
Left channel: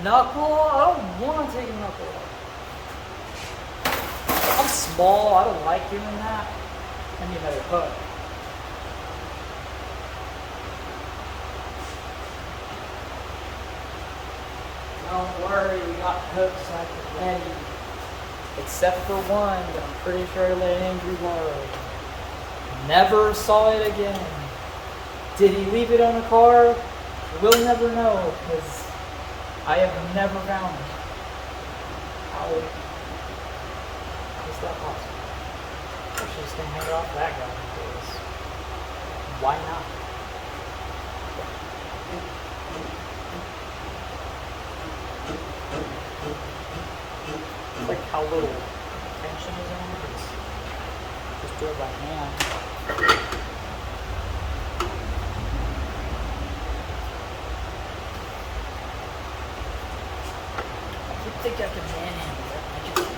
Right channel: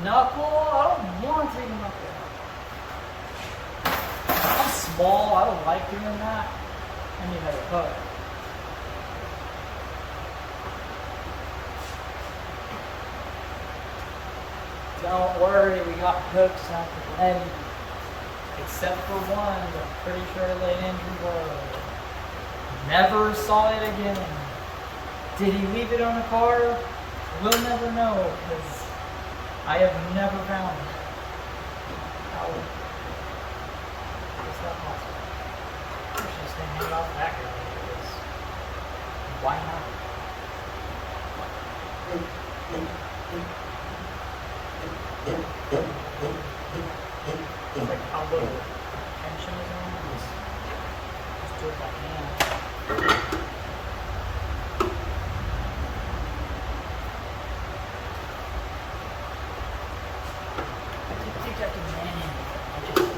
Knuckle? I don't want to take a knuckle out. I'm small, I don't like doing that. I need another hook. Don't worry, we got hooks at the ready. Except for one, but I'm pretty sure I let Andrew go. Never saw it again. Did he leave it on a car? We'll never know, because I have never found it. How is that possible? Actually, just gonna hang it off that guy, because why not? Like how little tension is on it. Just do it by hand. I keep thinking I can manhandle it. I just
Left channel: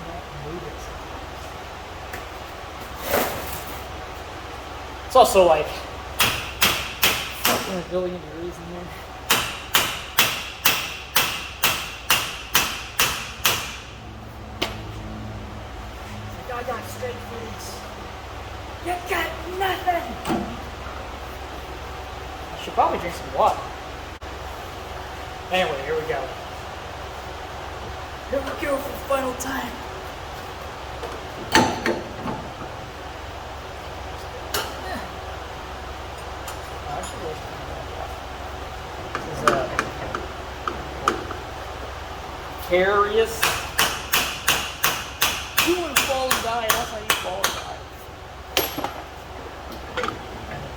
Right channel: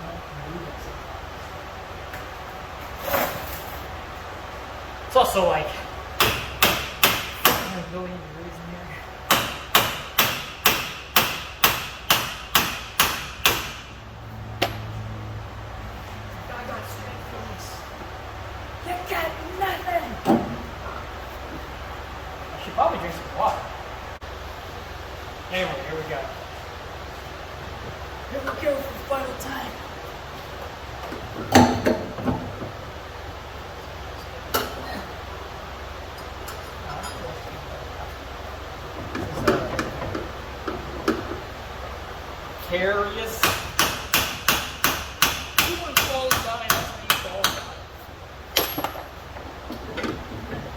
can't move it. It's also like fucking a billion degrees in here. I got straight foods. You got nothing. I should probably drink some water. Anyway, here we go. Here we go for the final time. This is curious.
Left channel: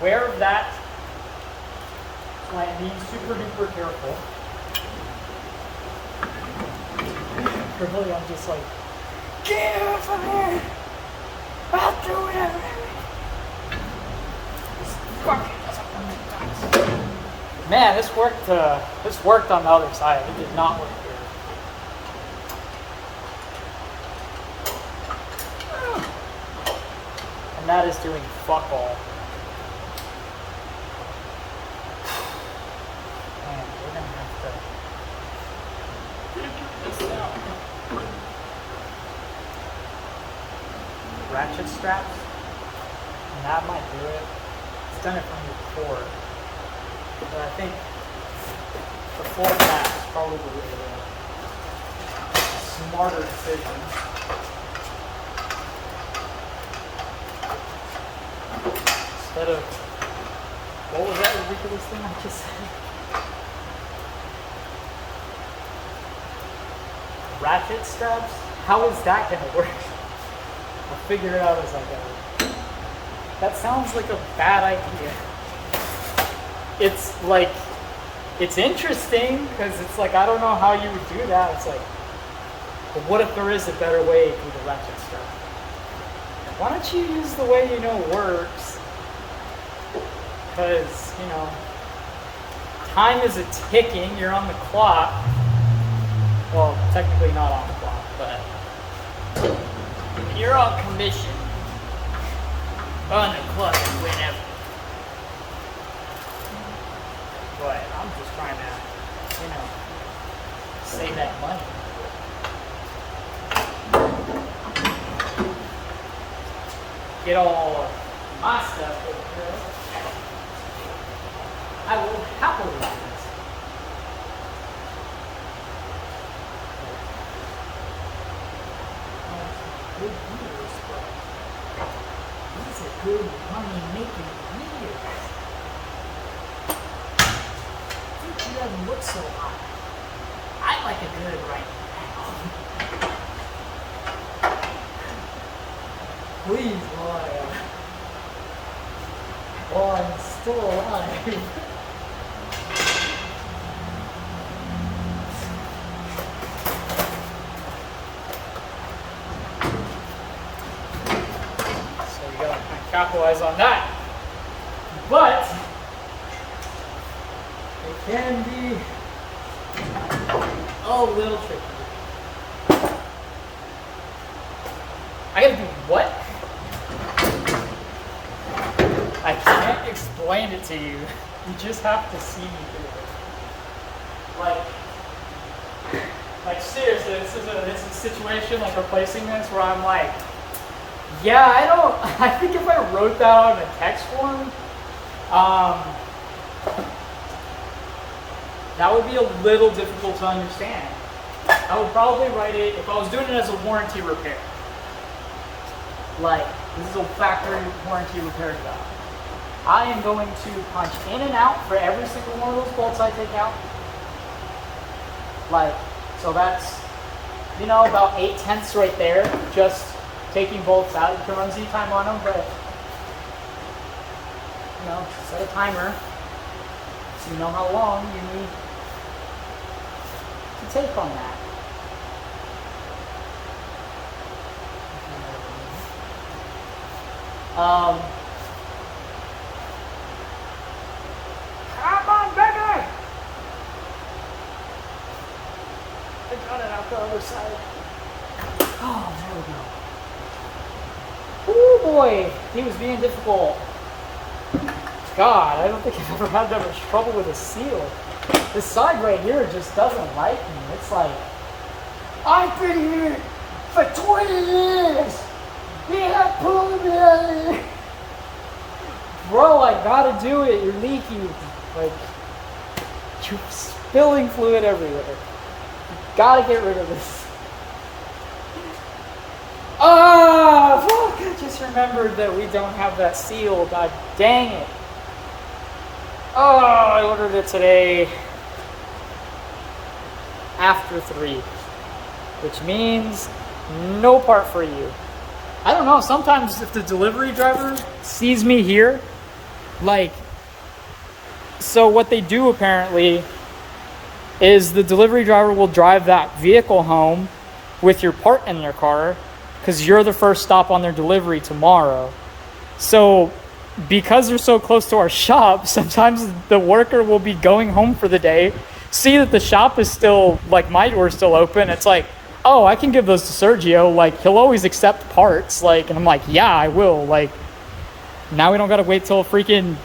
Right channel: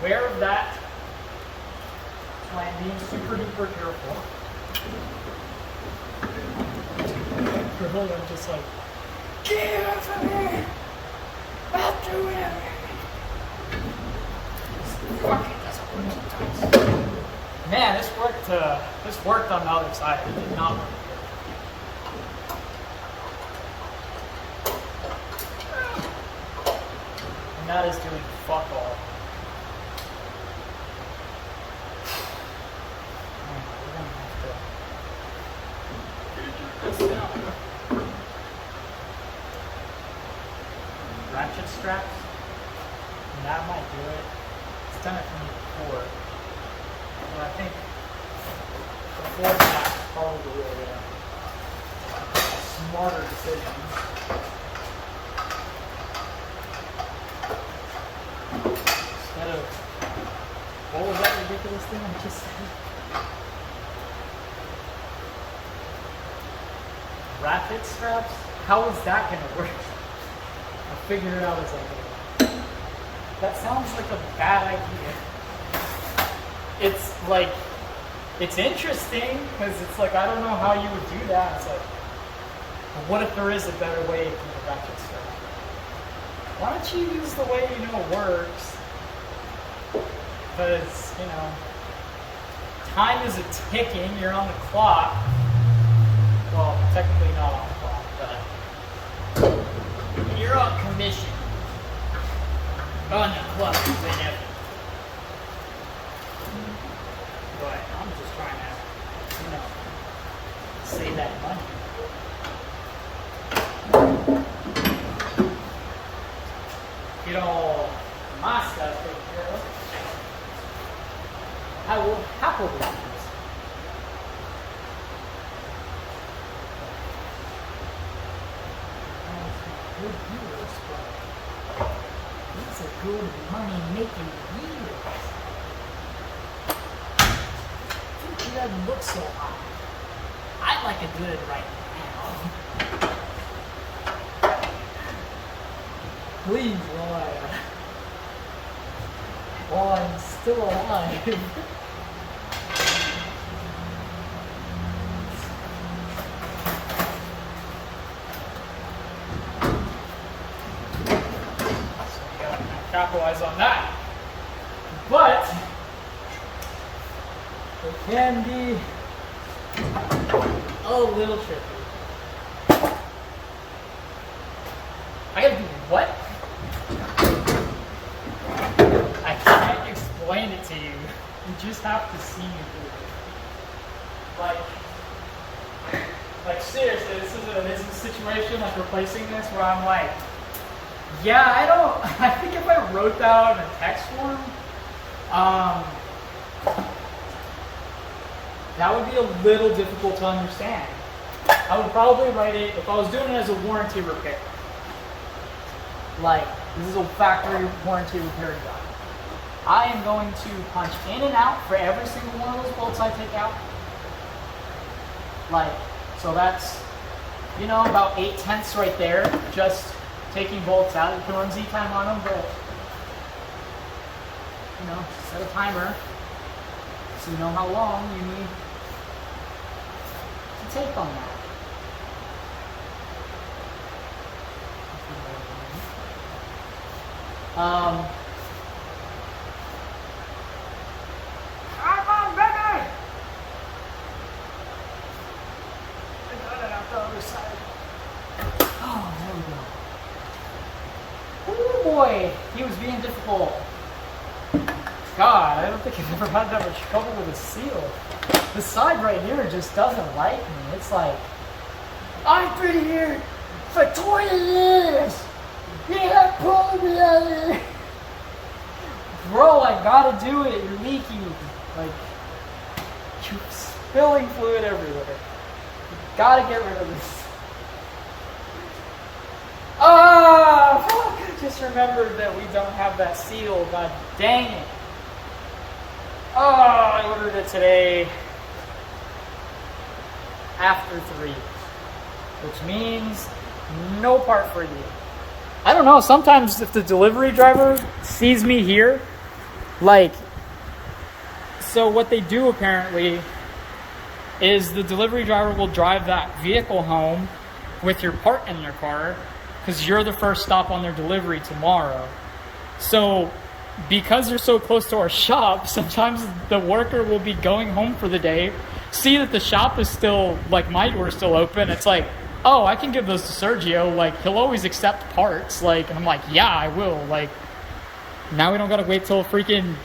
Aware of that, so I am being super duper careful. Really, I'm just like, get out from there! I'll do everything! Man, this worked on the other side. It did not look good. And that is doing fuck all. Ratchet straps, and that might do it. It's done it from before, but I think the format is probably a smarter decision. Instead of, what was that ridiculous thing I just said? Ratchet straps? How is that going to work? I'll figure it out as I go. That sounds like a bad idea. It's like, it's interesting, because it's like, I don't know how you would do that. It's like, But what if there is a better way to do the ratchet stuff? Why don't you use the way you know works? Because, you know, time is a ticking, you're on the clock. Well, technically not on the clock, but you're on commission. On the clock whenever. But I'm just trying to, you know, save that money. Get all my stuff taken care of. I will happily do this. Oh, it's good years, but these are good money-making years. He doesn't look so hot. I'd like a good right now. Please, while I'm still alive. So you gotta capitalize on that. But it can be a little tricky. I gotta do what? I can't explain it to you. You just have to see me do it. Like seriously, this is a situation like replacing this where I'm like, yeah, I think if I wrote down a text form, that would be a little difficult to understand. I would probably write it, if I was doing it as a warranty repair. Like, this is a factory warranty repair job. I am going to punch in and out for every single one of those bolts I take out. Like, so that's, you know, about 8/10 right there, just taking bolts out. You can run Z time on them, but, you know, set a timer so you know how long you need to take on that. If you know what I mean. Come on, baby! I got it out the other side. Oh, there we go. Oh boy, he was being difficult. God, I don't think I've ever had that much trouble with a seal. The side right here just doesn't like me. It's like, I've been here for 20 years. You're not pulling me out of here. Bro, I gotta do it. You're leaking. Like, you're spilling fluid everywhere. You gotta get rid of this. Ah, fuck, I just remembered that we don't have that seal. God dang it. Oh, I ordered it today after 3, which means no part for you. I don't know, sometimes if the delivery driver sees me here, like, so what they do apparently is the delivery driver will drive that vehicle home with your part in their car because you're the first stop on their delivery tomorrow. So because they're so close to our shop, sometimes the worker will be going home for the day, see that the shop is still, like, my door's still open. It's like, oh, I can give those to Sergio. Like, he'll always accept parts. Like, and I'm like, yeah, I will. Like, now we don't got to wait till freaking,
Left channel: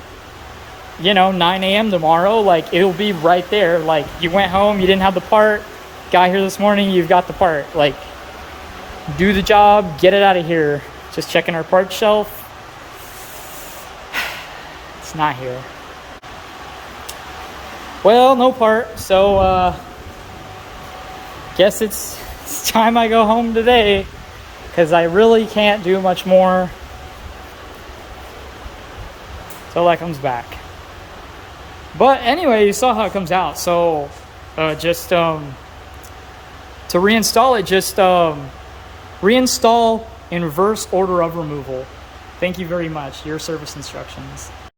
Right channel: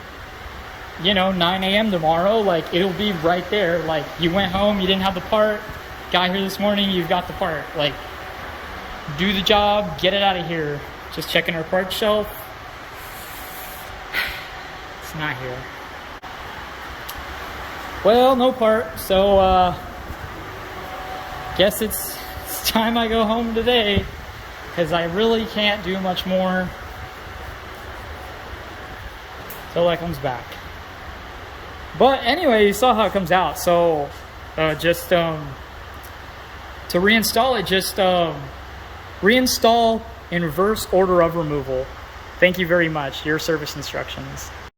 9 a.m. tomorrow. Like, it'll be right there. Like, you went home, you didn't have the part, got here this morning, you've got the part. Like, do the job, get it out of here. Just checking our parts shelf. It's not here. Well, no part. So, guess it's time I go home today, because I really can't do much more till that comes back. But anyway, you saw how it comes out. So just to reinstall it, just reinstall in reverse order of removal. Thank you very much. Your service instructions.